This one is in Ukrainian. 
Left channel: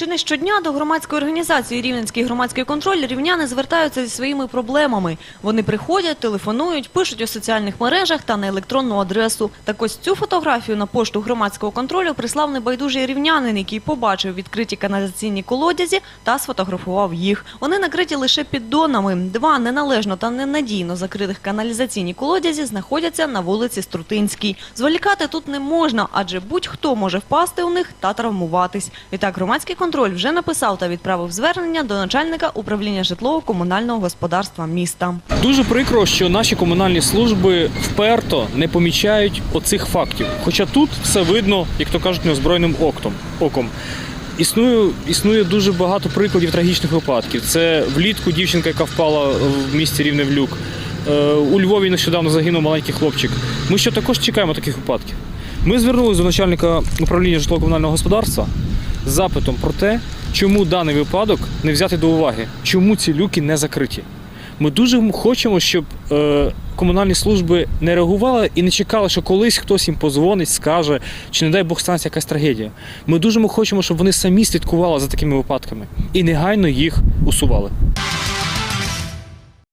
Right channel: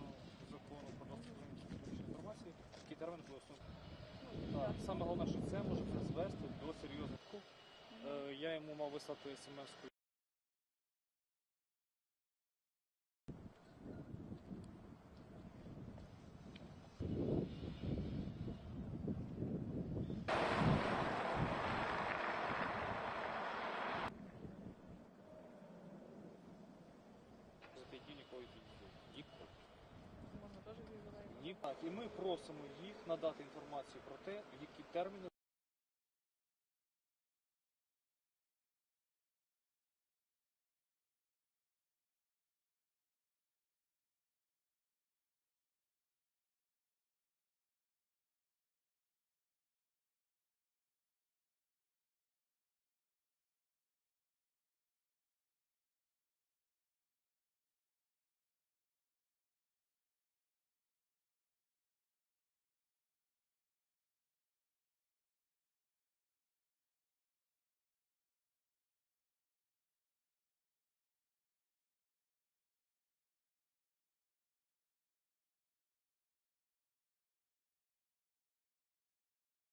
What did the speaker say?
Чи не щодня до громадської організації Рівненський громадський контроль рівняни звертаються зі своїми проблемами. Вони приходять, телефонують, пишуть у соціальних мережах та на електронну адресу. Так ось цю фотографію на пошту громадського контролю прислав небайдужий рівнянин, який побачив відкриті каналізаційні колодязі та сфотографував їх. Вони накриті лише піддонами. Два неналежно та ненадійно закритих каналізаційні колодязі знаходяться на вулиці Струтинській. Зволікати тут не можна, адже будь-хто може впасти у них та травмуватись. Відтак громадський контроль вже написав та відправив звернення до начальника управління житлово-комунального господарства міста. Дуже прикро, що наші комунальні служби вперто не помічають оцих фактів. Хоча тут все видно, як то кажуть, неозброєним оком. Існує, існує дуже багато прикладів трагічних випадків. Це влітку дівчинка, яка впала в місті Рівне в люк. Е, У Львові нещодавно загинув маленький хлопчик. Ми ще також чекаємо таких випадків. Ми звернулися до начальника управління житлово-комунального господарства запитом про те, чому даний випадок не взяти до уваги, чому ці люки не закриті. Ми дуже хочемо, щоб е, комунальні служби не реагували і не чекали, що колись хтось їм позвонить, скаже, чи не дай Бог станеться якась трагедія. Ми дуже хочемо, щоб вони самі слідкували за такими випадками і негайно їх усували.